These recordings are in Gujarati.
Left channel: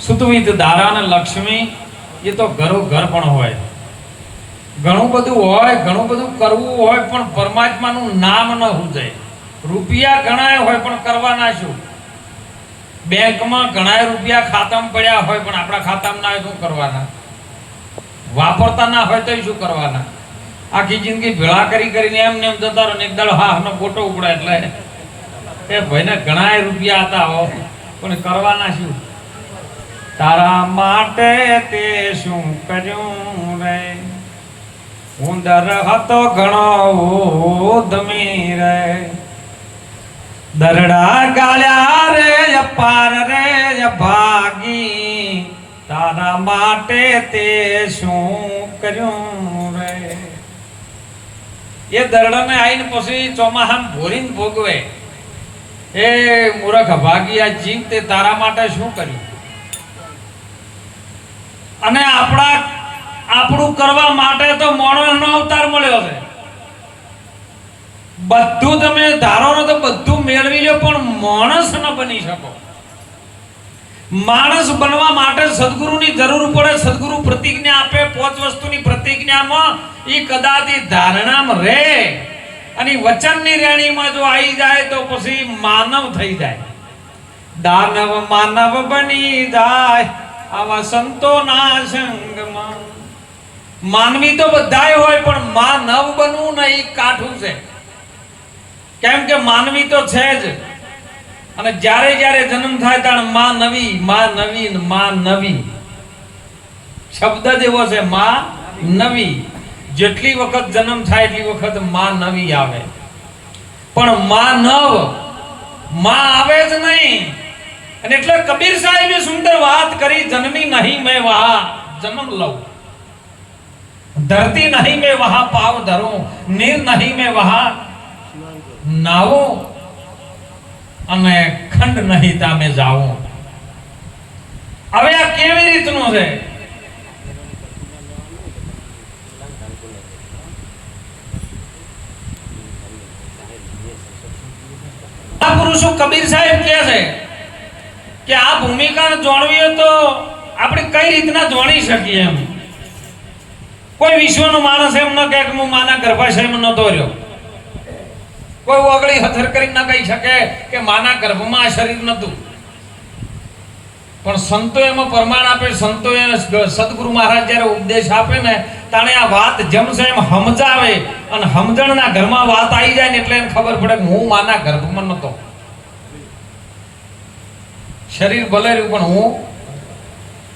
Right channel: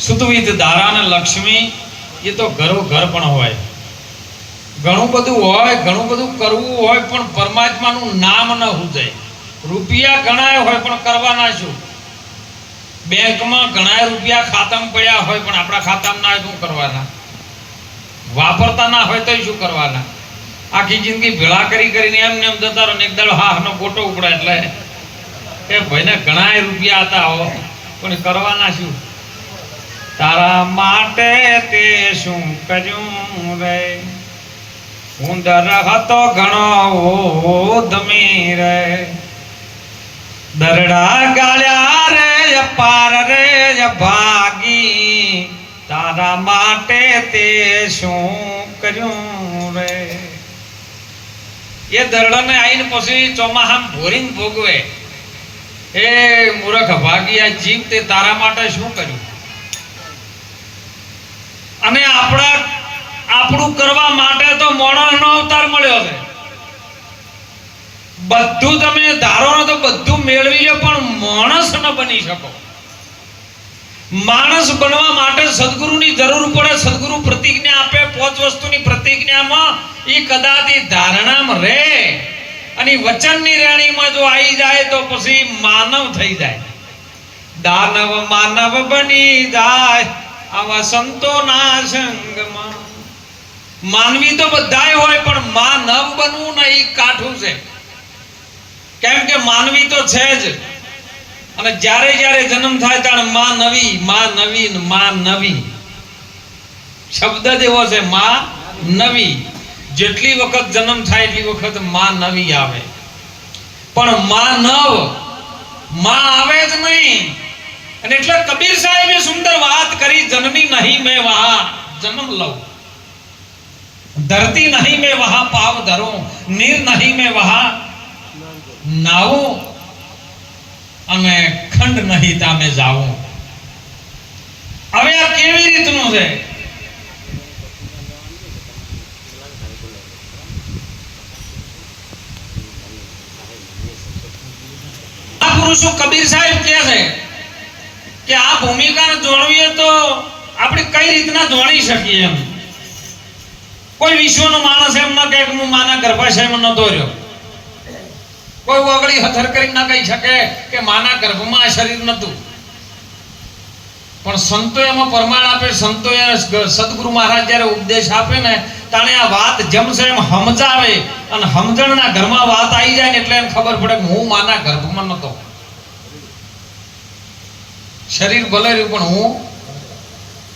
સુતવિત દારા ને લક્ષ્મી એ તો ઘરો ઘર પણ હોય, ઘણું બધું હોય, ઘણું બધું કરવું હોય, પણ પરમાત્માનું નામ ન હુજાય. રૂપિયા ઘણા હોય પણ કરવાના શું? બેંકમાં ઘણા રૂપિયા ખાતામાં પડ્યા હોય પણ આપણા ખાતામાં ના હોય શું કરવાના? વાપરતા ના હોય તો શું કરવાના? આખી જિંદગી ભેળા કરી કરીને એમને એમ જતા રહે, એક દાડો હાનો ગોટો ઉપડે એટલે એ ભાઈને ઘણા રૂપિયા હતા હો, પણ કરવાના શું? તારા માટે તે શું કર્યું રે, ઉંદર હતો ઘણો ઉધમી રે, દરડા ગાળ્યા રે અપાર રે ભાગી, તારા માટે તે શું કર્યું રે. એ દરડાને આવીને પછી ચોમાહામાં ભોરીને ભોગવે, એ મૂર્ખ ભાગી આ જીવ તે તારા માટે શું કર્યું. અને આપણું કરવા માટે તો માણસનો અવતાર મળ્યો છે. બધું તમે ધારો ને તો બધું મેળવી લો, પણ માણસ ન બની શકો. માણસ બનવા માટે સદગુરુની જરૂર પડે. સદગુરુ પ્રતિજ્ઞા આપે, 5 વસ્તુની પ્રતિજ્ઞામાં એ કદાચ ધારણામાં રહે અને વચનની રેણીમાં જો આવી જાય તો પછી માનવ થઈ જાય. દાનવ માનવ બની જાય આવા સંતોના સંગમાં. માનવી તો બધાય હોય, પણ માનવ બનવું ને એ કાઠું છે. કેમ કે માનવી તો છે જ, અને જ્યારે જ્યારે જન્મ થાય ત્યારે માં નવી, માં નવી, માં નવી શબ્દ જ એવો છે. માં નવી, જેટલી વખત જન્મ થાય એટલી વખત માં નવી આવે, પણ માં નવ માં આવે જ નહીં. અને એટલે કબીર સાહેબે સુંદર વાત કરી, જન્મી નહીં મેં વહાં જન્મ લઉં, ધરતી નહીં મેં વહાં પાવ ધરું, નીર નહીં મેં વહાં નાવું, અને ખંડ નહીં તામે જાવું. હવે આ કેવી રીતનું છે? આ પુરુષો કબીર સાહેબ કહે છે કે આ ભૂમિકાને જોડવીએ તો આપણે કઈ રીતના જોડી શકીએ. એમ કોઈ વિશ્વનો માણસ એમ ન કહે કે હું માના ગર્ભાશયમાં નતો રહ્યો. કોઈ ઓગળી હથર કરી ના કહી શકે કે માના ગર્ભમાં આ શરીર નતું. પણ સંતો એમાં પ્રમાણ આપે. સંતો સદગુરુ મહારાજ જયારે ઉપદેશ આપે ને તાણે આ વાત જમશે એમ સમજાવે, અને સમજણના ઘરમાં વાત આવી જાય ને એટલે એમ ખબર પડે કે હું માના ગર્ભમાં નતો. શરીર ભલે રહ્યું પણ હું,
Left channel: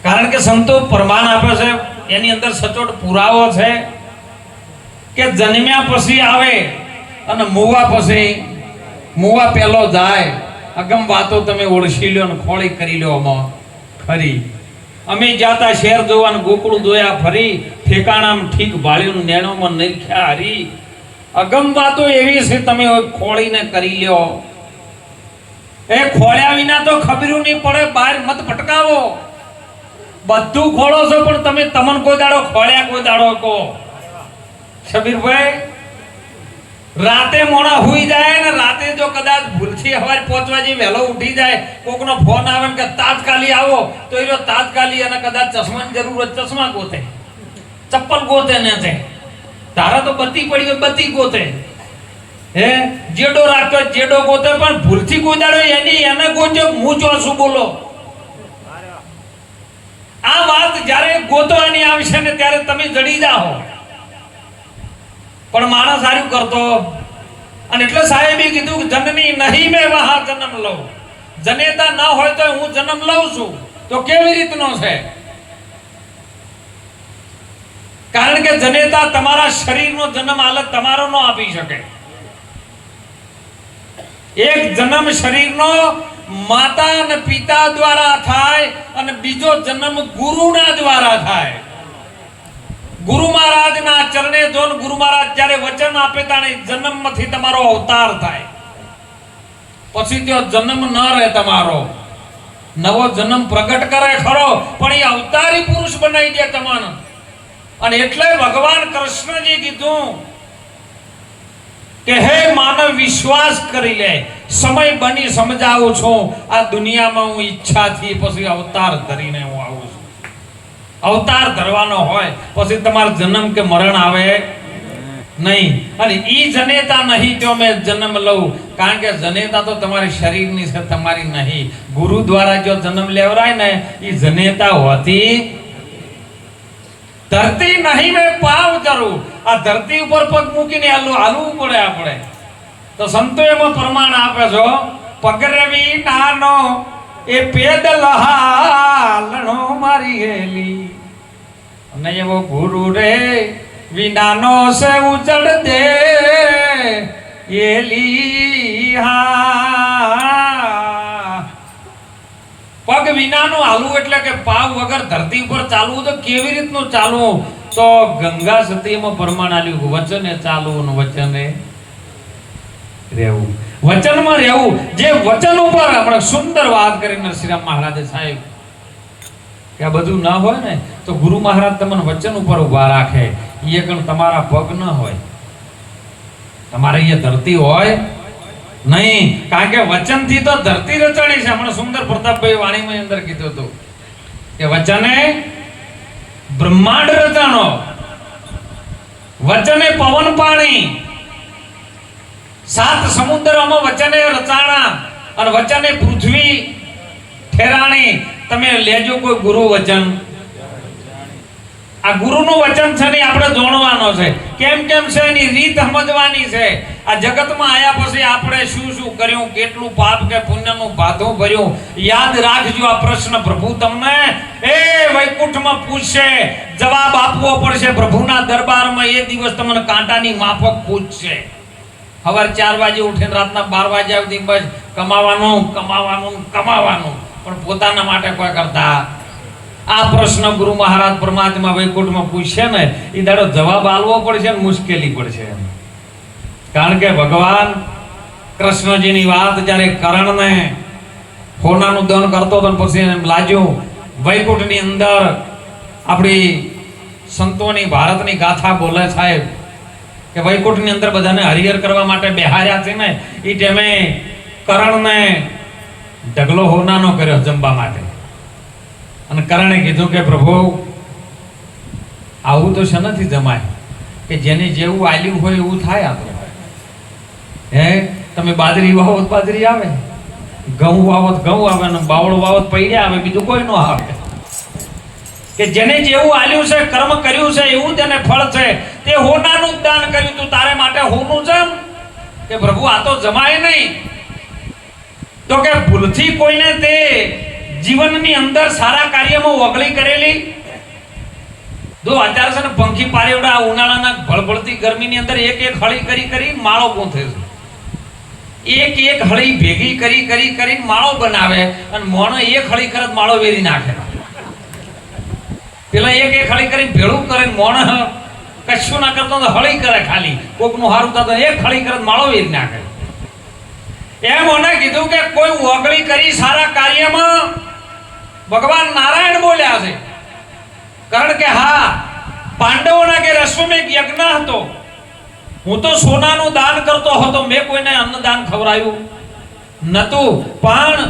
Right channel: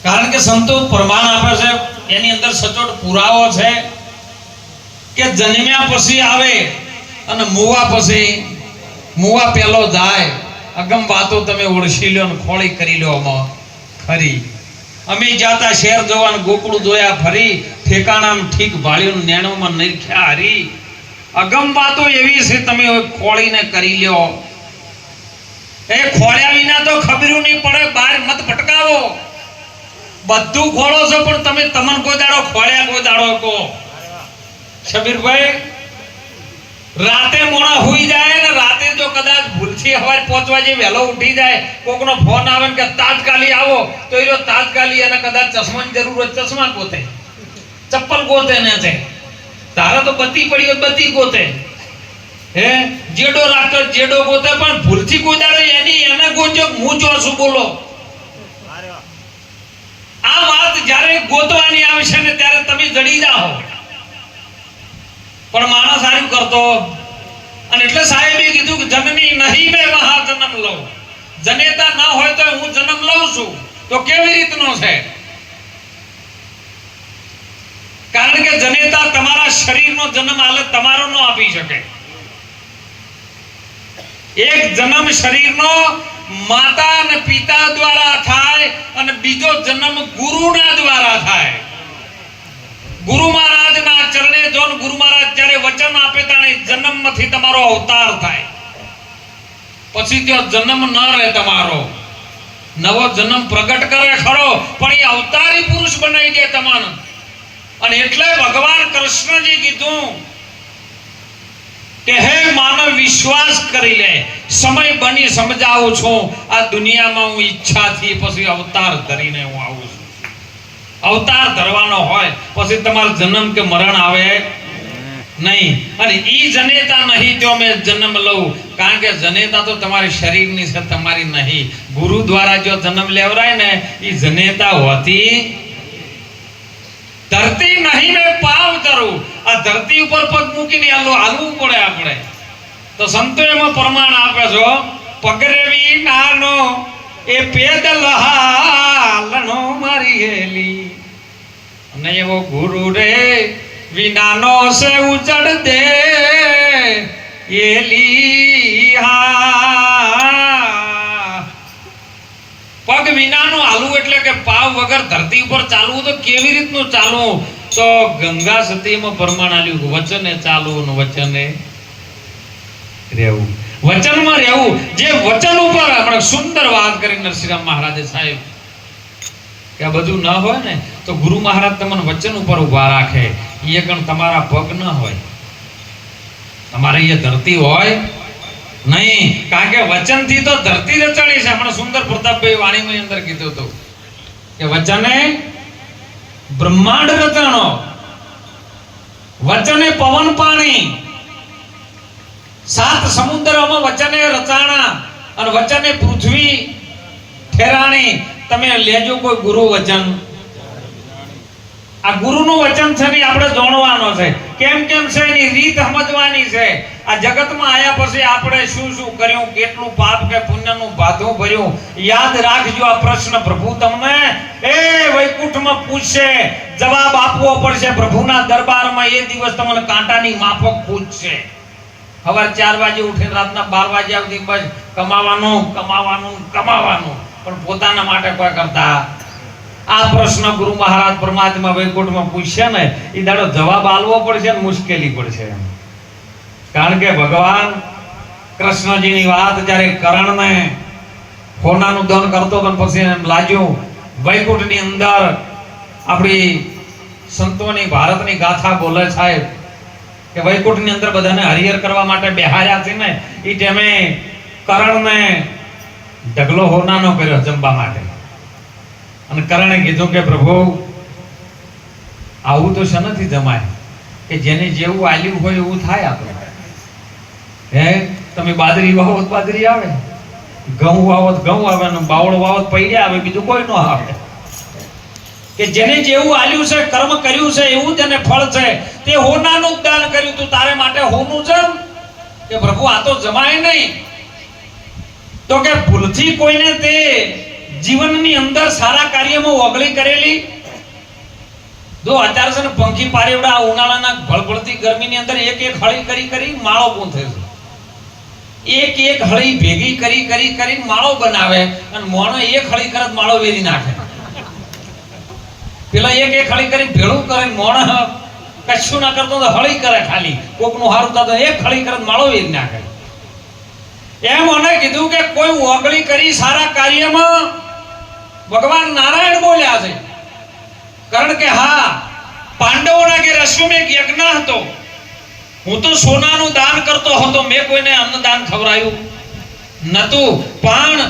કારણ કે સંતો પ્રમાણ આપે છે. એની અંદર સચોટ પુરાવો છે કે જન્મ્યા પછી આવે અને મુવા પછી, મુવા પહેલો જાય. અગમ વાતો તમે ઓળખી લ્યો ને ખોળી કરી લ્યો આમાં ખરી. અમે જાતા શહેર જોવાનું ગોકળું જોયા ફરી, ઠેકાણામાં ઠીક ભાળ્યું નેણુમાં નરખ્યા હરી. અગમ વાતો એવી છે તમે ખોળીને કરી લ્યો. એ ખોળ્યા વિના તો ખબરું નહીં પડે. બહાર મત ભટકાવો, બધું ખોળો છો પણ તમે તમને કોઈ દાડો ખોળ્યા કોઈ દાડો કહો. શબીરભાઈ, રાતે મોડા હુઈ જાય ને રાતે જો કદાચ ભૂલથી હવારે 5 વાગે વહેલો ઉઠી જાય, કોકનો ફોન આવે ને કે તાત્કાલિક આવો, તો એ તાત્કાલિક અને કદાચ ચશ્માની જરૂર હોય ચશ્મા ગોતે, ચપ્પલ ગોતે ને છે. તારા તો બત્તી પડી હોય બત્તી ગોતે, હે જેડો રાખતો જેડો ગોતે, પણ ભૂલથી કોઈ દાડો એને ગોજો હું જોશું. બોલો, આ વાત જ્યારે ગોતવાની આવશે ને ત્યારે તમે જડી જાઓ. પણ માણસ સારું કરતો, અને એટલે સાહેબે કીધું કે જનની નહીં મેં વહાં જન્મ લઉં. જનેતા ન હોય તો હું જન્મ લઉં છું. તો કેવી રીતનો છે? કારણ કે જનેતા તમારા શરીરનો જન્મ હાલત તમારો ન આપી શકે. એક જન્મ શરીરનો માતા અને પિતા દ્વારા થાય, અને બીજો જન્મ ગુરુના દ્વારા થાય. ગુરુ મહારાજના ચરણે જોન ગુરુ મહારાજ જ્યારે વચન આપે તાણે જન્મમાંથી તમારો અવતાર થાય. પછી ત્યાં જન્મ ન રહે, તમારો નવો જન્મ પ્રગટ કરે ખરો, પણ એ અવતારી પુરુષ બનાવી દે તમને. અને એટલે ભગવાન કૃષ્ણજી કીધું કે હે માનવ વિશ્વાસ કરી લે, સમય બની સમજાવું છું, આ દુનિયામાં હું ઈચ્છાથી પછી અવતાર ધરીને હું આવું છું. અવતાર ધરવાનો હોય પછી તમારો જન્મ કે મરણ આવે નહીં. અને ઈ જનેતા નહીં તો મેં જન્મ લઉં, કારણ કે જનેતા તો તમારી શરીરની છે, તમારી નહીં. ગુરુ દ્વારા જો જન્મ લેવરાય ને ઈ જનેતા હોતી. ધરતી નહીં મેં પાવ ધરું, આ ધરતી ઉપર પગ મૂકીને હાલવું પડે આપણે. તો સંતો એમાં પ્રમાણ આપે છો, પગરવી નાનો એ પેદલ હાલણો મારી હેલી, અને એવો ગુરુ રે વિનાનો સે ઉજડ દે એલી. પગ વિનાનું હાલવું એટલે કે પાવ વગર ધરતી ઉપર ચાલવું. તો કેવી રીતનું ચાલવું? તો ગંગા સતીમાં પ્રમાણ આલ્યું, વચને ચાલવું, વચને રહેવું, વચનમાં રહેવું. જે વચન ઉપર આપણે સુંદર વાત કરી નરસિંહરામ મહારાજે સાહેબ, કે આ બધું ના હોય ને તો ગુરુ મહારાજ તમને વચન ઉપર ઉભા રાખે. એ કણ તમારા પગ ન હોય, તમારે એ ધરતી હોય નહીં, કારણ કે વચનથી તો ધરતી રચાણી છે. હમણાં સુંદર પ્રતાપભાઈ વાણીમાં અંદર કીધું હતું કે વચને બ્રહ્માંડ રચાણો, વચને પવન પાણી, 7 સમુદ્રમાં વચને રચાણા, અને વચને પૃથ્વી ઠેરાણી. તમે લેજો કોઈ ગુરુ વચન, આ ગુરુનું વચન છે ને આપણે જાણવાનો છે, કેમ કેમ છે એની રીત સમજવાની છે. આ જગતમાં આયા પછી આપણે શું શું કર્યું, કેટલું પાપ કે પુણ્યનું ભાથું ભર્યું, યાદ રાખજો. આ પ્રશ્ન પ્રભુ તમને એ વૈકુંઠમાં પૂછશે, જવાબ આપવો પડશે પ્રભુના દરબારમાં. એ દિવસ તમને કાંટાની માફક પૂછશે. સવાર 4 વાગે ઉઠીને રાતના 12 વાગ્યા સુધી બસ કમાવાનું કમાવાનું કમાવાનું, પણ પોતાના માટે કોઈ કરતા. આ પ્રશ્ન ગુરુ મહારાજ પરમાત્મા વૈકુંઠમાં પૂછશે ને એ દાડો જવાબ આલવો પડશે ને મુશ્કેલી પડશે. કારણ કે ભગવાન કૃષ્ણજીની વાત જ્યારે કરણને હોનાનું દાન કરતો હતો, પછી એમ લાગ્યું વૈકુંઠની અંદર આપણી સંતોની ભારતની ગાથા બોલે સાહેબ, કે વૈકુંઠની અંદર બધાને હરિહર કરવા માટે બેહાર્યા છે ને, એ ટાઈમે કરણને ઢગલો હોનાનો કર્યો જમવા માટે. અને કરણે કીધું કે પ્રભુ આવું તો શેનાથી જમાય, કે જેને જેવું આલ્યું હોય એવું થાય. આપણે હે તમે બાજરી વાવો તો બાજરી આવે, ઘઉં વાવો તો ઘઉં આવે, ને બાવળો વાવો તો પૈડ્યા આવે, બીજું કોઈ ન આવે. કે જેને જેવું આલ્યું છે, કર્મ કર્યું છે, એવું તેને ફળ છે. તે હોનાનું જ દાન કર્યું તું, તારે માટે હોનું છે કે પ્રભુ આ તો જમાય નહીં. તો કે ભૂલથી કોઈને તે જીવનની અંદર સારા કાર્યમાં ઓગળી કરેલી. જો અત્યારે છે ને પંખી પારેવડા ઉનાળાના ભળભળતી ગરમીની અંદર એક એક હળી કરી કરી માળો ગૂંથે છે. એક એક હળી ભેગી કરી કરી કરી માળો બનાવે, અને મોણો એક હળી કરે માળો વેરી નાખે. પેલા એક એક હળી કરી ભેળું કરે, મોણ કશું ના કરતો તો હળી કરે, ખાલી કોકનું હારું થતું એક હળી કરે માળો વેરી નાખે. એમ મને કીધું કે કોઈ ઓગળી કરી સારા કાર્યમાં ભગવાન નારાયણ બોલ્યા છે. કારણ કે હા, પાંડવોના ઘેર અશ્વમેઘ યજ્ઞ હતો, હું તો સોનાનું દાન કરતો હતો, મેં કોઈને અન્નદાન ખવડાયું નતું. પણ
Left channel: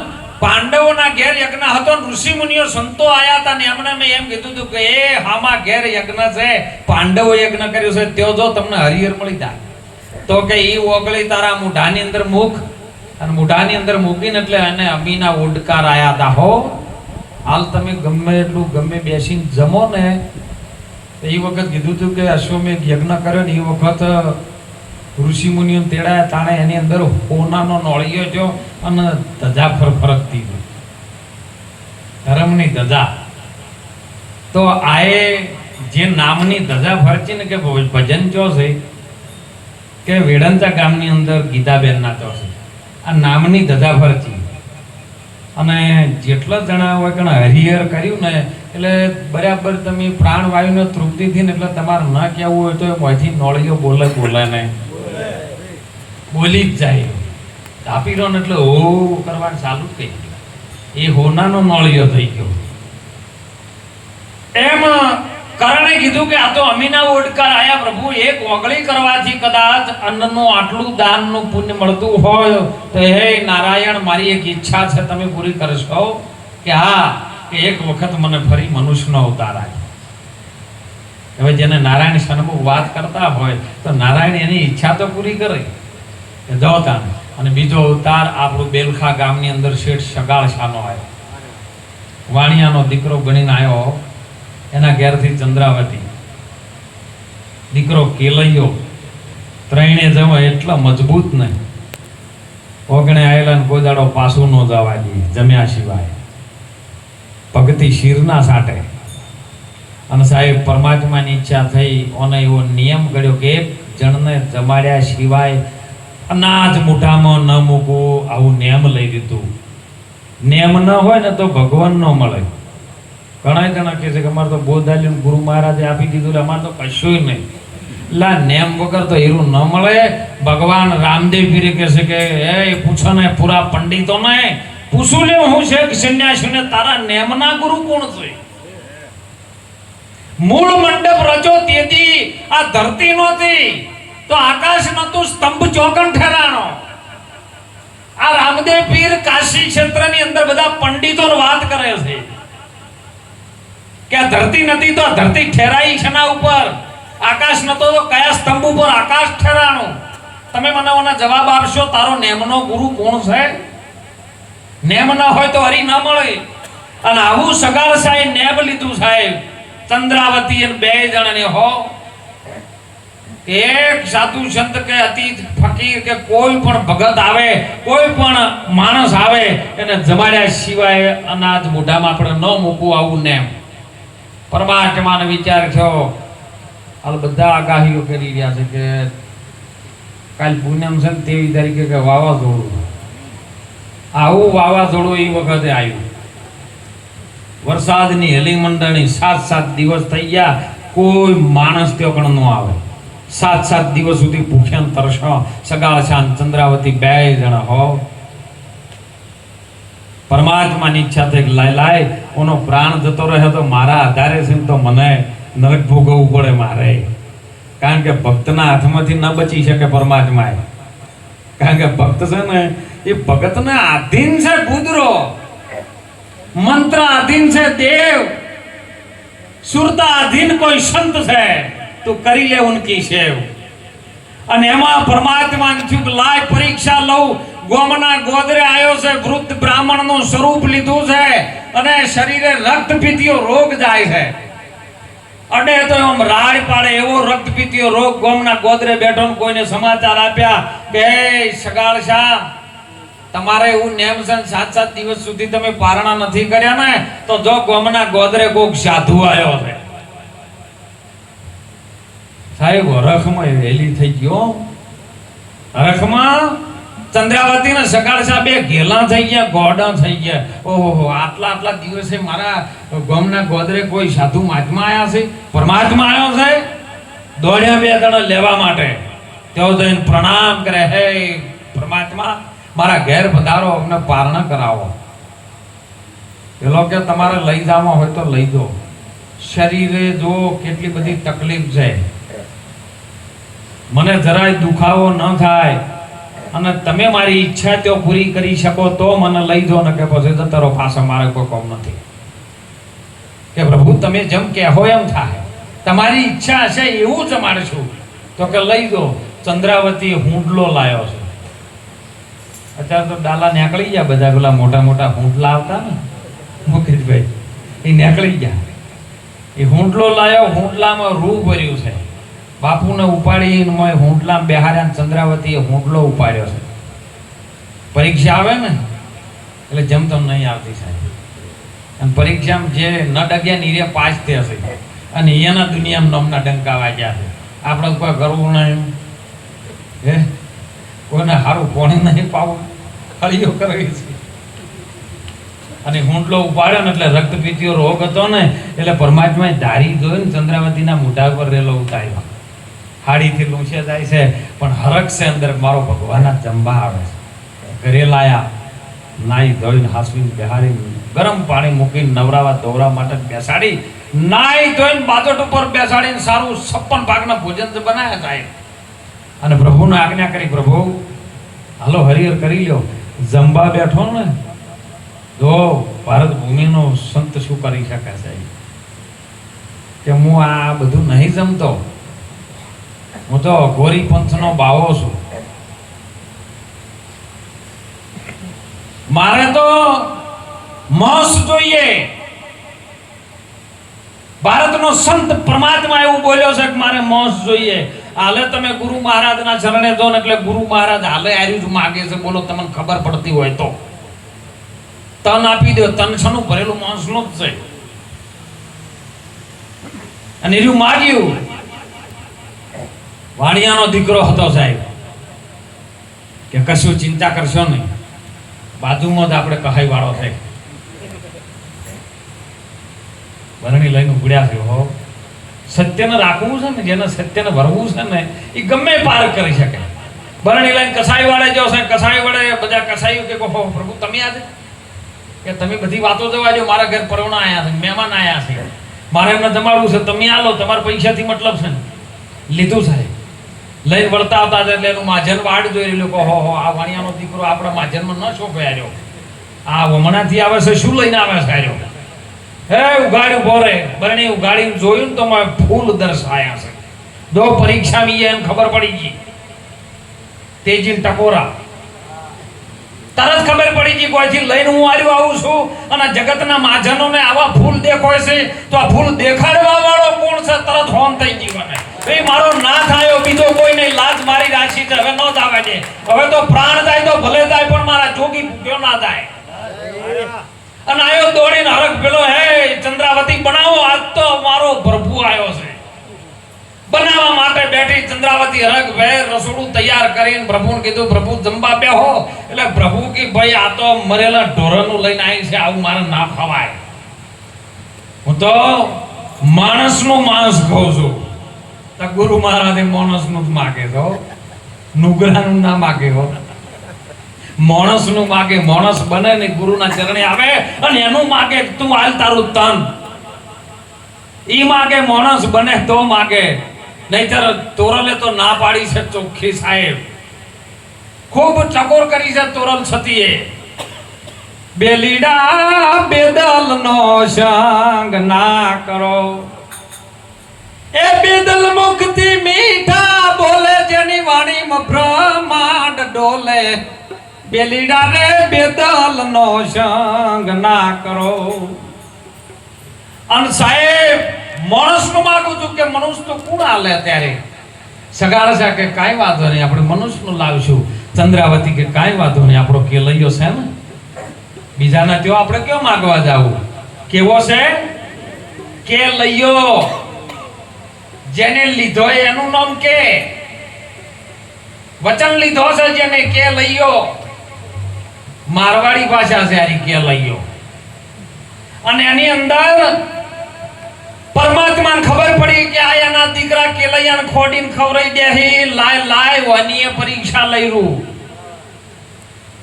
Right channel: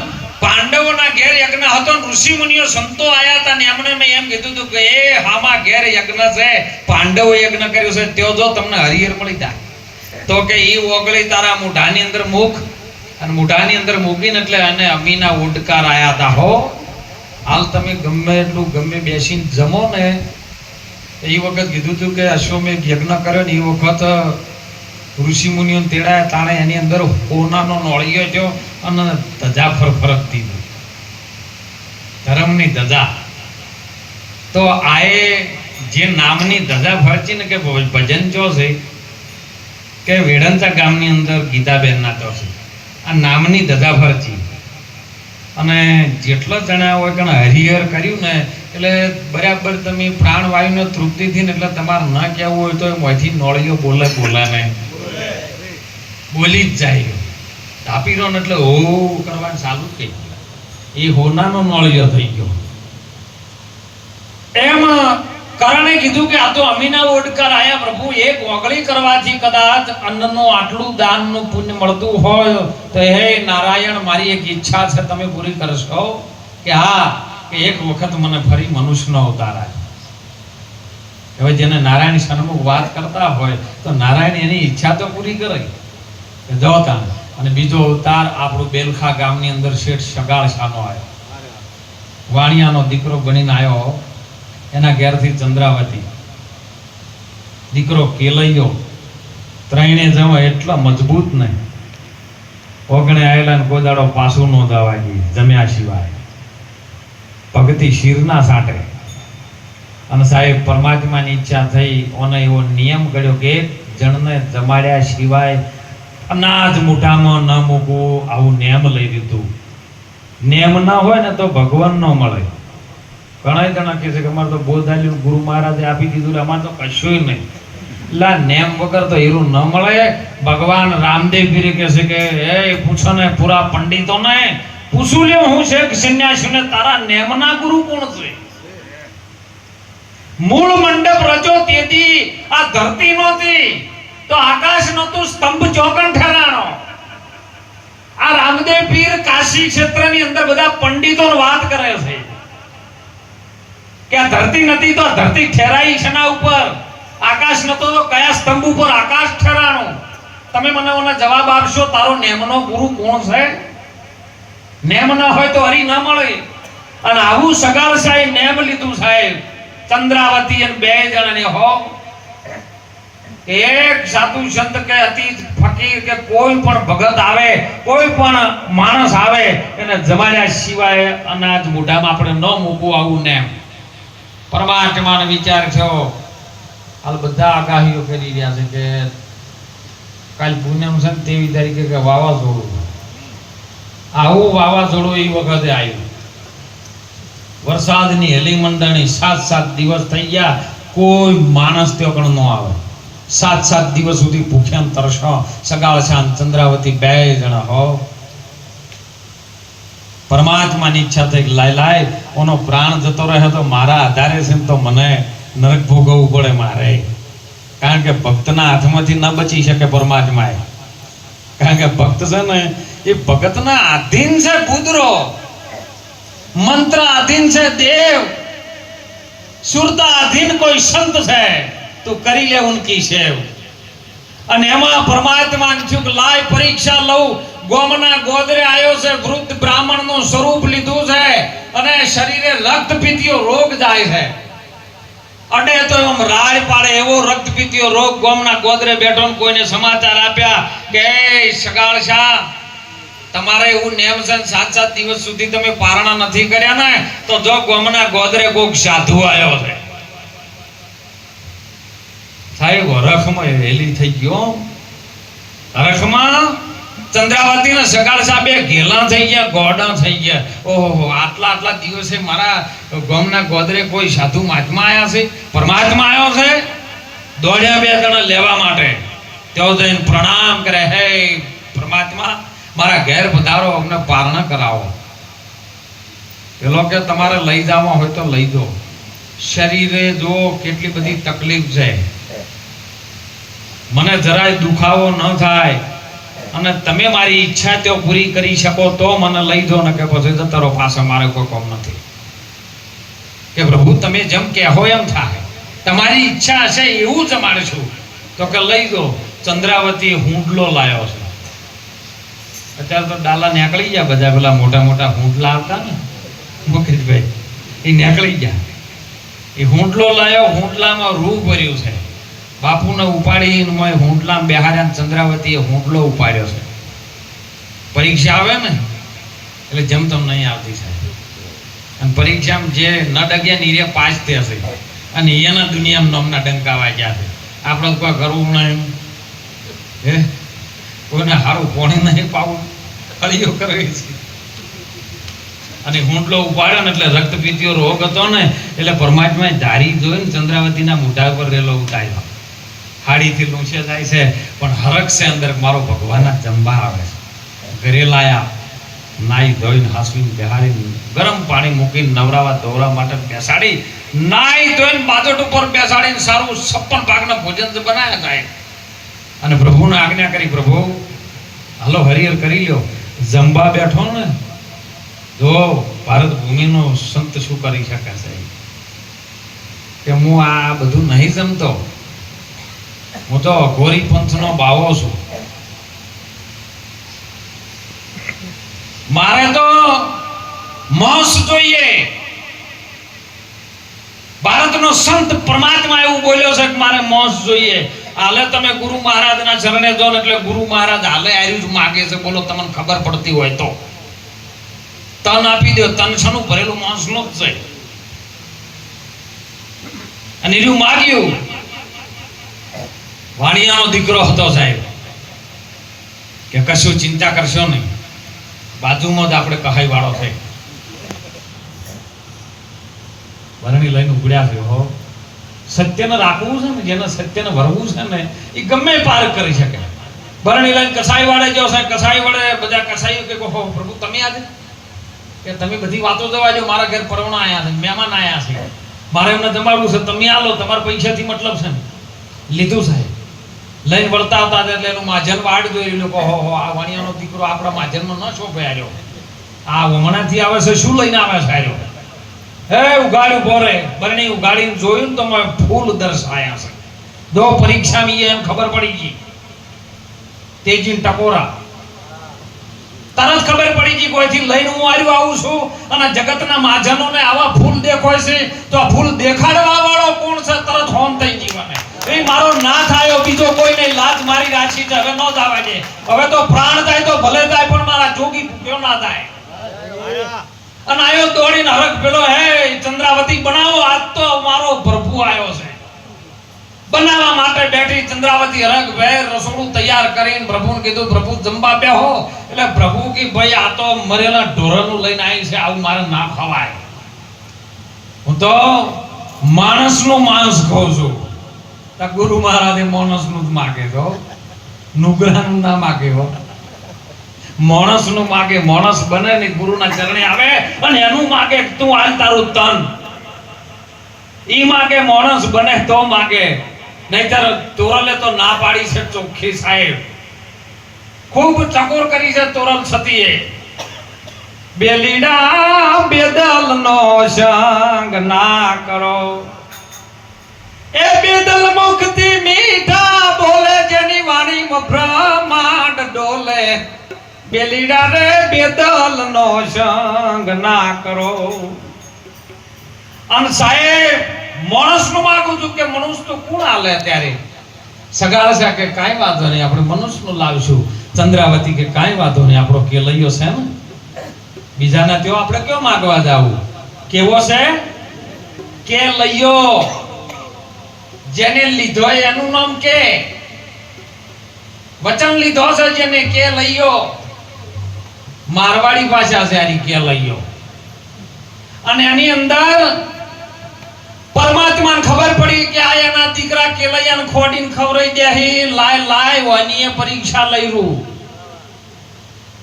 પાંડવોના ઘેર યજ્ઞ હતો, ઋષિ મુનિઓ સંતો આયા હતા ને એમણે મેં એમ કીધું હતું કે એ હામાં ઘેર યજ્ઞ છે, પાંડવો યજ્ઞ કર્યું છે, તેઓ જો તમને હરિહર મળી જાય તો કે ઈ ઓગળી તારા મુઢાની અંદર મૂક. અને મુઢાની અંદર મૂકીને એટલે અને અમીના ઉડકાર આયા હતા. હો હાલ તમે ગમે એટલું ગમે બેસીને જમો ને, એ વખત કીધું હતું કે અશ્વમેઘ યજ્ઞ કર્યો ને એ વખત ઋષિ મુનિઓ તેડાયા તાણે એની અંદર હોનાનો નોળિયો જો અને ધજા ફરફરકતી હતી, ધર્મની ધજા. તો આએ જે નામની ધજા ફરચી ને કે ભજન ચો છે કે વેડંતા ગામની અંદર ગીતાબેન ના ચો છે, આ નામની ધજા ફરચી. અને જેટલા જણા હોય કે હરિહર કર્યું ને એટલે બરાબર તમે પ્રાણ વાયુને તૃપ્તિથી ને, એટલે તમારે ન કહેવું હોય તો એમાંથી નોળિયો બોલે ને બોલી જ જાય. તાપી રહો ને એટલે હો કરવાનું ચાલુ જ થઈ ગયું, એ હોનાનો નોળિયો થઈ ગયો. એમ કરણે કીધું કે આ તો અમીના ઓડકાર આયા પ્રભુ, એક ઓગળી કરવાથી કદાચ અન્નનું આટલું દાનનું પુણ્ય મળતું હોય તો હે નારાયણ, મારી એક ઈચ્છા છે, તમે પૂરી કરશો? કે હા, કે એક વખત મને ફરી મનુષ્યનો અવતાર આવે. હવે જેને નારાયણ સન્મુખ વાત કરતા હોય તો નારાયણ એની ઈચ્છા તો પૂરી કરે. જવતા અને બીજો અવતાર આપણું બેલખા ગામની અંદર શેઠ સગાળશાનો આવ્યો, વાણિયાનો દીકરો બનીને આવ્યો. એના ઘેરથી ચંદ્રાવતી, દીકરો કેલૈયો, ત્રણે જવા એટલા મજબૂત નહીં, ઓગણે આવેલા ને કોઈ દાડો પાછું ન જવા દે જમ્યા સિવાય, ભક્તિ શીરના સાટે. અને સાહેબ પરમાત્માની ઈચ્છા થઈ, ઓને એવો નિયમ કર્યો કે એક જણને જમાડ્યા સિવાય અનાજ મોઢામાં ન મૂકવું, આવું નિયમ લઈ લીધું. નિયમ ન હોય ને તો ભગવાન ન મળે. ઘણા જણા કહે છે કે અમારે તો બોધાલ્યું ગુરુ મહારાજે આપી દીધું, અમારે તો કશું નહીં. એટલે નેમ વગર તો હીરું ન મળે. ભગવાન રામદેવ પીરે કહે છે કે એ પૂછો ને પૂરા પંડિતોને પૂછું લે, હું છે સંન્યાસીને તારા નેમના ગુરુ કોણ છે? મૂળ મંડપ રચો તેથી આ ધરતી નહોતી, તો આકાશ નહોતું, સ્તંભ ચોકણ ઠરાણો. આ રામદેવ પીર કાશી ક્ષેત્રની અંદર બધા પંડિતોની વાત કરે છે કે આ ધરતી નથી તો આ ધરતી ઠેરાઈ છે ના ઉપર, આકાશ નતો તો કયા સ્તંભ ઉપર આકાશ ઠેરાણું? તમે મને ઓના જવાબ આપશો, તારો નેમનો ગુરુ કોણ છે? નેમ ન હોય તો હરી ન મળે. અને આવું સગાળશાએ નેમ લીધું સાહેબ. ચંદ્રાવતી અને બે જણને હો, એક સાધુ સંત કે અતિ ફકીર કે કોઈ પણ ભગત આવે, કોઈ પણ માણસ આવે, એને જમાડ્યા સિવાય અનાજ મોઢામાં આપણે ન મૂકવું, આવું નેમ. પરમાત્માનો વિચાર થયો. હાલ બધા આગાહીઓ કરી રહ્યા છે કે કાલ પૂનમ છે 23 તારીખે કે વાવાઝોડું. આવું વાવાઝોડું એ વખતે આવ્યું. વરસાદની હેલી મંડળની 7 દિવસ થઈ ગયા, કોઈ માણસ તે પણ ન આવે. 7 દિવસ સુધી ભૂખ્યા તરસો સગાળશા ચંદ્રાવતી બે જણા હો. પરમાત્માની ઈચ્છા થઈ લાય ઓનો પ્રાણ જતો રહે તો મારા આધારે છે તો મને નરક ભોગવવું પડે મારે. કારણ કે ભક્તના હાથમાંથી ન બચી શકે પરમાત્મા. કારણ કે ભક્ત છે ને એ ભગતના આધીન છે બુદરો, મંત્ર આધીન છે દેવ, સુરતા આધીન કોઈ સંત છે, તું કરી લે ઉનકી સેવ. અને એમાં પરમાત્મા થયું કે લાય પરીક્ષા લઉં. ગોમના ગોદરે આવ્યો છે, વૃદ્ધ બ્રાહ્મણનું સ્વરૂપ લીધું છે અને શરીરે રક્તપીતિયો રોગ જાય છે. અડે તો એમ રાડ પાડે એવો રક્તપીતિયો રોગ ગોમના ગોદરે બેઠો ને કોઈને સમાચાર આપ્યા કે સગાળશા તમારે એવું નેમ છે 7 દિવસ સુધી તમે પારણા નથી કર્યા ને તો જો ગોમના ગોદરે કોક સાધુ આવ્યો છે. સાહેબ હરખમાં હેલી થઈ ગયો. હરખમાં ચંદ્રાવતી ને સગાળશા બે ઘેલા થઈ ગયા, ગોડા થઈ ગયા. ઓહો, આટલા દિવસે મારા ગામના ગોદરે કોઈ સાધુ મહાત્મા આયા છે, પરમાત્મા આવ્યો છે. દોડ્યા બે જણા લેવા માટે. તેઓ જઈને પ્રણામ કરે, હે પરમાત્મા મારા ઘેર પધારો, અમને પારણા કરાવો. પેલો કે તમારે લઈ જવા હોય તો લઈ દો. શરીરે જો કેટલી બધી તકલીફ છે, મને જરાય દુખાવો ન થાય અને તમે મારી ઈચ્છા તો પૂરી કરી શકો તો મને લઈ દો, ને કે પછી જતારો પાછા મારે કોઈ કામ નથી. કે પ્રભુ તમે જેમ કહેવો એમ થાય, તમારી ઈચ્છા હશે એવું જ માનીશું. તો કે લઈ દો. ચંદ્રાવતી હુંડલો લાવ્યો છે. અત્યારે તો ડાલા નીકળી ગયા બધા, પેલા મોટા હુંડલા આવતા ને મુકેશભાઈ, એ નીકળી ગયા. એ હુંડલો લાવ્યો, હુંડલામાં રૂ ભર્યું છે. બાપુને ઉપાડીને હુંડલામાં બેહાર્યા. ચંદ્રાવતીએ હુંડલો ઉપાડ્યો છે. પરીક્ષા આવે ને એટલે જેમ તેમ નહીં આવતી સાહેબ. અને પરીક્ષામાં જે ન ડગ્યા ને એ પાસ થયા છે અને એના દુનિયામાં નોમના ડંકા વાગ્યા છે. આપણે કોઈ કરવું નહીં, હે કોઈને સારું કોણી નહીં પાવું, ખળીઓ કરે છે. અને હુંડલો ઉપાડ્યો ને એટલે રક્તપીતિયો રોગ હતો ને એટલે પરમાત્માએ ધારી જોઈને ચંદ્રાવતીના મોઢા પર રેલો ઉતાર્યો. હાડીથી લૂંછે જાય છે પણ હરખ છે અંદર, મારો ભગવાનના જંબા આવે છે. ઘરે લાયા નાઈ ધોઈને હાસવીને બેહાડીને ગરમ પાણી મૂકીને નવરાવા દોરા માટે બેસાડી, નાઈ ધોઈને બાજોટ ઉપર બેસાડીને સારું 56 ભાગના ભોજન બનાવ્યા સાહેબ. અને પ્રભુને આજ્ઞા કરી, પ્રભુ હાલો હરિહર કરી લ્યો. જંબા બેઠો ને જો ભારત ભૂમિનો સંત શું કરી શકે સાહેબ, કે હું આ બધું નહીં જમતો, હું તો અઘોરી પંથનો બાવો છું. મારે તો માંસ જોઈએ. ભારતનો સંત પરમાત્મા એવું બોલ્યો છે કે મારે માંસ જોઈએ. હાલે તમે ગુરુ મહારાજના ચરણે જો ને એટલે ગુરુ મહારાજ હાલે આર્યું જ માગે છે. બોલો તમને ખબર પડતી હોય તો તન આપી દો. તન છનું ભરેલું માંસનું જ છે. અને એનું માગ્યું. વાણિયાનો દીકરો હતો સાહેબ, કે કશું ચિંતા કરશો નહીં, બાજુમાં જ આપણે કહાઈ વાળો છે. બરણી લઈને ઉગડ્યા છે. હો સત્યને રાખવું છે ને, જેને સત્યને વરવું છે ને એ ગમે પાર કરી શકે. બરણી લઈને કસાઈ વાળે જો છે, કસાઈ વડે બધા કસાઈઓ કે પ્રભુ તમે યાદ કે તમે બધી વાતો જવા જો, મારા ઘર પરવણા આયા છે, મહેમાન આયા છે, મારે એમને જમાડવું છે, તમે આલો, તમારા પૈસાથી મતલબ છે ને. લીધું સાહેબ, લઈને વળતા હતા એટલે એનું માજન વાડ જોઈ લોકો, હો આ વાણિયાનો દીકરો આપણા માજનમાં ન શોભાય રહ્યો, આ હમણાંથી આવે છે, શું લઈને આવે છે આર્યો. હે ઉગાડ્યું બોરે બરણી ઉગાડીને જોયું ને તો મને ફૂલ દર્શાયા છે. જો પરીક્ષા મી એમ ખબર પડી ગઈ. તેજી ટકોરા તરત ખબર પડી ગઈ કોઈથી લઈને હું આવ્યો આવું છું. અને જગતના માજનોને આવા ફૂલ દેખાય છે તો આ ફૂલ દેખાડવા વાળો કોણ છે? તરત હોન થઈ જીવને એ મારો ના થાયો, બીજો કોઈ નહીં. લાજ મારી રાશી છે, હવે ન જવા દે. હવે તો પ્રાણ જાય તો ભલે જાય, પણ મારા જોગી ભૂખ્યો ના જાય. અને આયો દોડીને હરખ પેલો, હે ચંદ્રાવતી બનાવો, આજ તો મારો પ્રભુ આવ્યો છે. બનાવવા માટે બેઠી ચંદ્રાવતી હરખ વેર રસોડું તૈયાર કરીને પ્રભુને કીધું, પ્રભુ જમવા બેહો. એટલે પ્રભુ કી ભાઈ આ તો મરેલા ઢોરનું લઈને આવી છે, આવું મારે ના ખવાય. હું તો માણસનું માંસ ખાઉં છું. ગુરુ મહારાજે માણસનું જ માગે છો, નુગરાનું ના માગે હો. માણસનું માગે, માણસ બને ને ગુરુના ચરણે આવે અને એનું માગે તું હાલ તારું તન. ઈ માગે માણસ બને તો માગે, નહીતર તોરલે તો ના પાડી છે ચોખ્ખી સાહેબ. ખૂબ ચકોર કરી છે તોરલ સતીએ. બેલીડા બેદલ નો સંગ ના કરો, એ બેદલ મુખથી મીઠા બોલે, જેની વાણીમાં બ્રહ્માંડ ડોલે. બેલીડા રે બેદલ નો સંગ ના કરો. અને સાહેબ માણસનું માગું છું કે મનુષ્ય તો કોણ હાલે ત્યારે સગાળ છે કે કાંઈ વાંધો નહીં, આપણે મનુષ્યનું લાવશું. ચંદ્રાવતી કે કાંઈ વાંધો નહીં, આપણો કેલૈયો છે ને, બીજાના તેઓ આપણે કેવો માગવા જાવું? કેવો છે કેલૈયો? જેને લીધો એનું નામ કે વચન લીધો છે, જેને કેલૈયો. મારવાડી ભાષા છે આરી કેલૈયો. અને એની અંદર પરમાત્માને ખબર પડી કે આ એના દીકરા કેલૈયાને ખોડીને ખવરાઈ દેહી લાય વાની પરીક્ષા લઈ રૂ.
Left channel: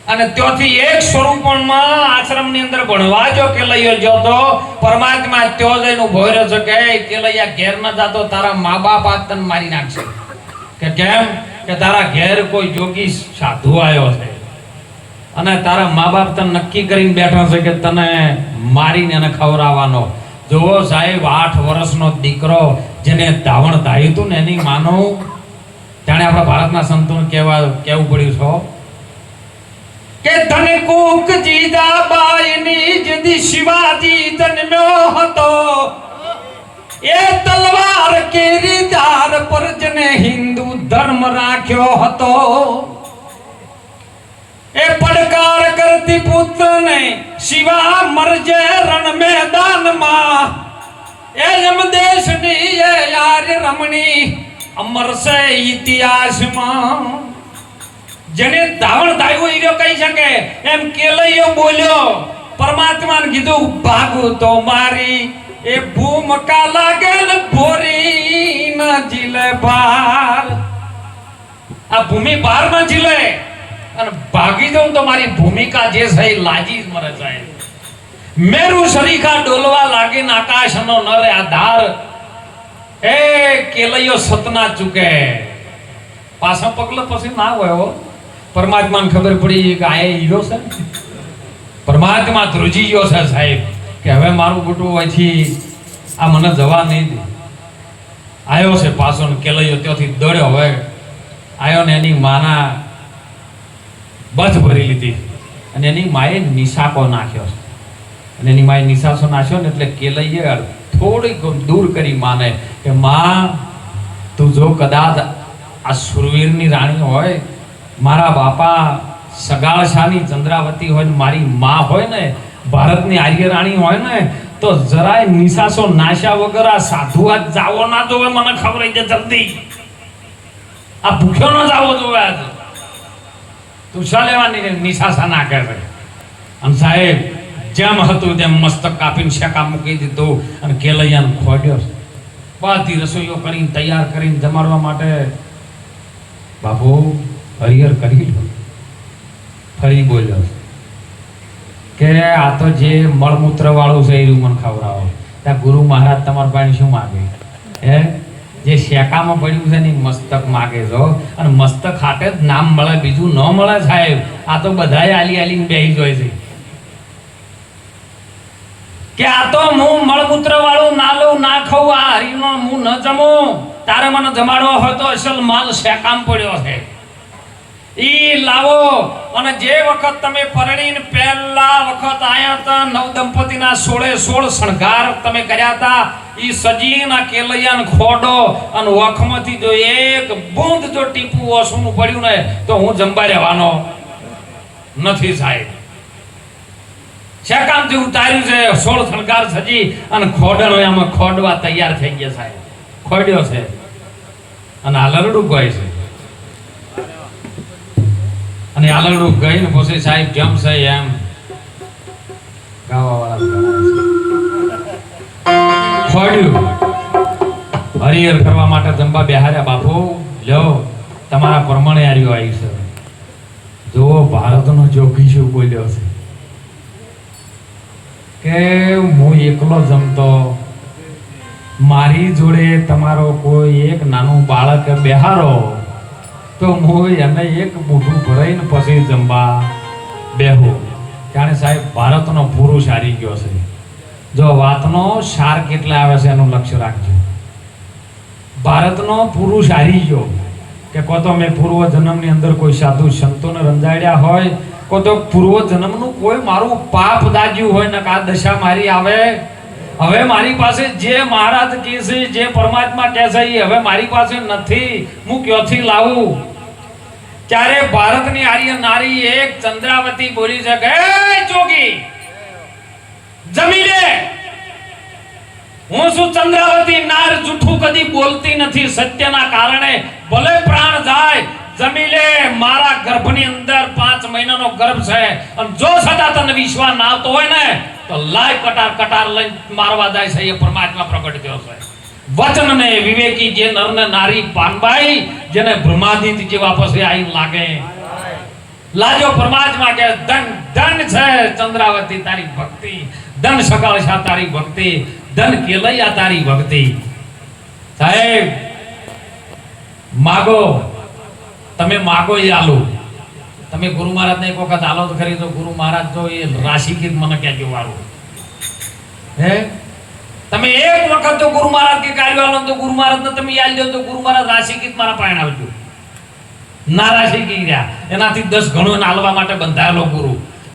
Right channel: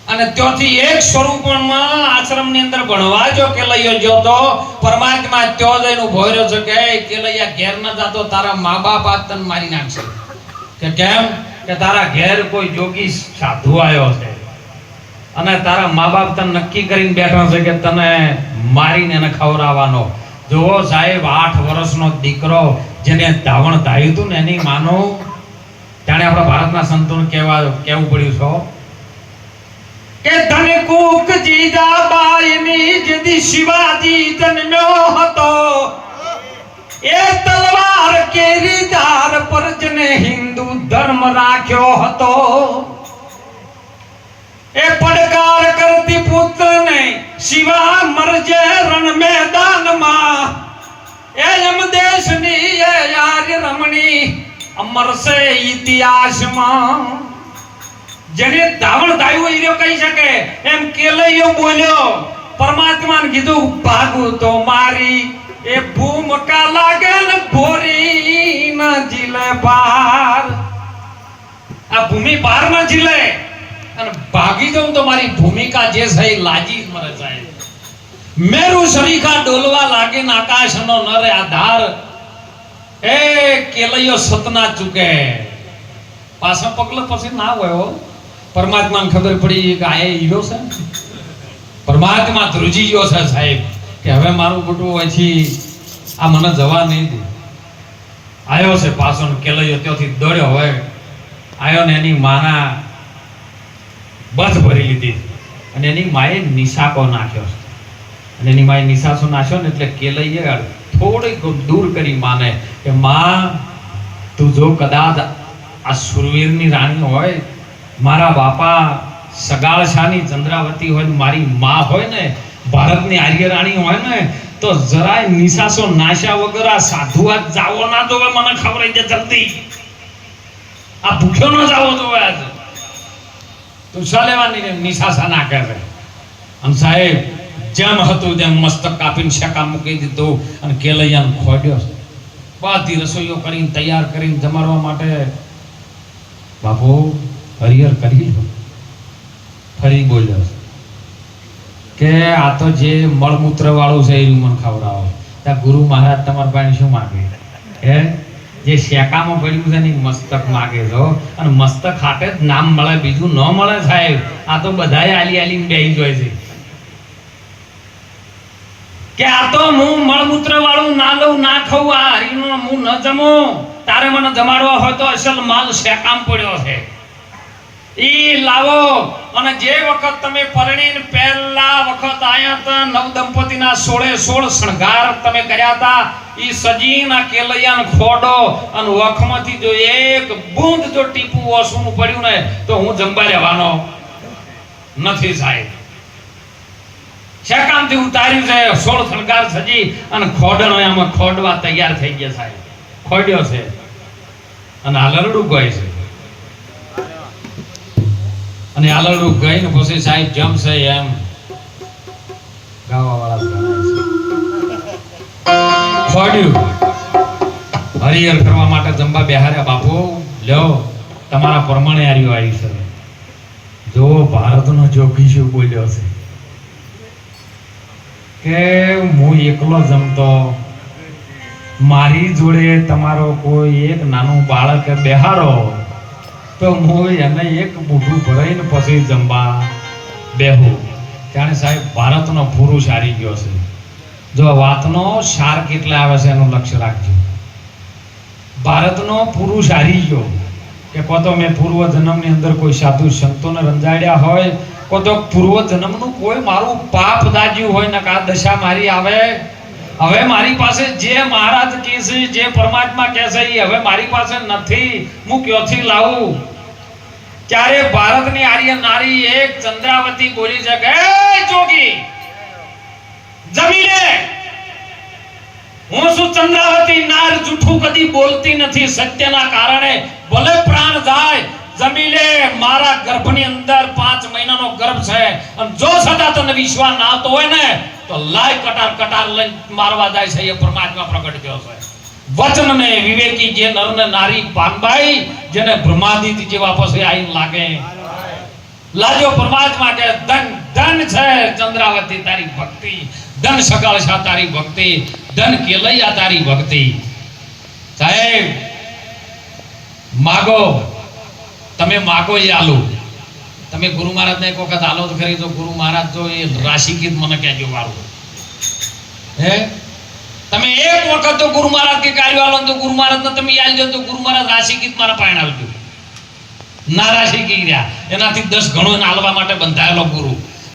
અને ત્યાંથી એક સ્વરૂપમાં આશ્રમની અંદર ભણવા જો કેલૈયો જો તો પરમાત્મા ત્યો જઈને ઉભો રહ્યો છે કે કેલૈયા ઘેર ન જાતો, તારા મા બાપ આ તને મારી નાખશે. કે કેમ? કે તારા ઘેર કોઈ જોગી સાધુ આવ્યો છે અને તારા મા બાપ તને નક્કી કરીને બેઠો છે કે તને મારીને એને ખવડાવવાનો. જોવો સાહેબ, 8 વર્ષનો દીકરો જેને ધાવણ ધાયું હતું ને એની માનો જાણે આપણા ભારતના સંતોને કેવું પડ્યું છે કે ધન કુક જીજાબાઈની જદી શિવાજી જન્મ્યો હતો, એ તલવાર કેરી ધાર પર જેને હિન્દુ ધર્મ રાખ્યો હતો. એ પડકાર કરતી પુત્રને શિવા મરજે રણ મેદાનમાં, એ યમદેશની એ યાર રમણી અમર સે ઇતિહાસમાં. જેને ધાવણ ધાયું ઈર્યો કહી શકે એમ કેલૈયો બોલ્યો. પરમાત્માને કીધું ભાગું તો મારી એ ભૂમકા લાગે ને ભોરી ન જીલે બાર. આ ભૂમિ બાર ન જીલે અને ભાગી જાઉં તો મારી ભૂમિકા જે છે એ લાજી જ મરે સાહેબ. મેરુ સરીખા ડોલવા લાગી આકાશનો નર આધાર એ કેલૈયો સતના ચૂકે. પાછા પગલે પછી ના હોય હો. પરમાત્માને ખબર પડી કે આ હીરો છે, પરમાત્મા ધ્રુજી ગયો છે સાહેબ કે હવે મારું બટું અહીંથી આ મને જવા નહીં દે. આવ્યો છે પાછો કેલૈયો ત્યાંથી દોડ્યો. હવે આવ્યો ને એની માના બથ ભરી લીધી અને એની માએ નિશાકો નાખ્યો છે. અને એની માએ નિશાસો નાખ્યો ને એટલે કેલૈયે થોડીક દૂર કરી માને કે માં તું જો કદાચ આ સુરવીરની રાણી હોય, મારા બાપા સગાળશાની ચંદ્રાવતી હોય, મારી માં હોય ને ભારતની આર્ય રાણી હોય ને, તો જરાય નિશાસો નાશ્યા વગર આ સાધુ આજ જાવો ના જોવે. મને ખબર છે જલ્દી આ ભૂખ્યો ન જાવો જોવે. આજ તું શા લેવાની નિશાસા નાખે છે. અને સાહેબ જેમ હતું તેમ મસ્તક કાપીને શેકા મૂકી દીધું અને કેલૈયાને ખોડ્યો. બધી રસોઈઓ કરીને તૈયાર કરીને જમાડવા માટે બાપુ હરિહર કરી લો. ફરી બોલ્યો કે આ તો જે મળમૂત્ર વાળું છે એ મને ખવડાવો. ત્યાં ગુરુ મહારાજ તમારા પાસે શું માગે? હે જે શેકામાં પડ્યું છે ને મસ્તક માગે છો. અને મસ્તક હાથે જ નામ મળે, બીજું ન મળે સાહેબ. આ તો બધાએ આલી આલીને બેહી જોય છે કે આ તો હું મળમૂત્ર વાળું ના લઉં ના ખાઉં, આ હરીનો હું ન જમું. તારે મને જમાડવો હોય તો અસલ માલ શેકામ પડ્યો છે ઈ લાવો. અને જે વખત તમે પરણીને પહેલા વખત આયા હતા, નવ દંપતીના 16 શણગાર તમે કર્યા હતા, ઈ સજીના કેલૈયાને ખોડો અને વખમાંથી જો એક બૂંદ જો ટીપું ઓસુનું પડ્યું ને તો હું જંબા રહેવાનો નથી સાહેબ. શેકામથી ઉતાર્યું છે 16 શણગાર સજી અને ખોડનો આમાં ખોડવા તૈયાર થઈ ગયા સાહેબ. ખોડ્યો છે અને આલરડું ગય છે. અને આલરડું ગઈને પછી સાહેબ જમશે એમ ગાવાવાળા ખોડ્યું. હરિહર કરવા માટે જમવા બેહાર્યા. બાપુ લ્યો તમારા પ્રમાણે આર્યો આવી છે. જો ભારતનો જોગી શું બોલ્યો છે કે હું એકલો જમતો, મારી જોડે તમારો કોઈ એક નાનું બાળક બેહારો તો હું એને એક મોઢું ભરાઈને પછી જમવા બેહું. જાણે સાહેબ ભારતનો પુરુષ હારી ગયો છે. જો વાતનો સાર કેટલા આવે છે એનું લક્ષ્ય રાખજો. ભારતનો પુરુષ હારી ગયો કે કો તો મેં પૂર્વ જન્મની અંદર કોઈ સાધુ સંતોને રંજાડ્યા હોય, કો તો પૂર્વ જન્મનું કોઈ મારું પાપ દાજ્યું હોય ને કે આ દશા મારી આવે. હવે મારી પાસે જે મહારાજ કહે છે, જે પરમાત્મા કહે છે એ હવે મારી પાસે નથી. હું ક્યાંથી લાવું? ત્યારે ભારતની આર્ય નારી એક ચંદ્રાવતી બોલી છે કે જોગી જમી લે. હું શું ચંદ્રાવતી નાર જૂઠું કદી બોલતી નથી. સત્યના કારણે ભલે પ્રાણ જાય જમી લે. મારા ગર્ભની અંદર 5 મહિનાનો ગર્ભ છે અને જો સદા તને વિશ્વાસ ના આવતો હોય ને તો લાય કટાર કટાર લઈને મારવા જાય છે. એ પરમાત્મા પ્રગટ થયો છે. વચન ને વિવેકી જે નર ને નારી પાનબાઈ જેને બ્રહ્માદિત્ય જેવા પછી આઈ લાગે. લાજો પરમાત્મા કે ધન ધન છે ચંદ્રાવતી તારી ભક્તિ, ધન સકાળશા તારી ભક્તિ, ધન કેલૈયા તારી ભક્તિ. સાહેબ માગો, તમે માગો એ આલો. તમે ગુરુ મહારાજને એક વખત આલો તો ખરી. તો ગુરુ મહારાજ તો એ રાશિ ગીત મને કહેજો વાળું. હે તમે એક વખત તો ગુરુ મહારાજ કે કાર્ય આલો તો ગુરુ મહારાજને તમે યાદ જો તો ગુરુ મહારાજ રાશિ ગીત મારા પાણી આવજો. ના રાશિ ગીત રહ્યા એનાથી 10 ગણો નાલવા માટે બંધાયેલો ગુરુ.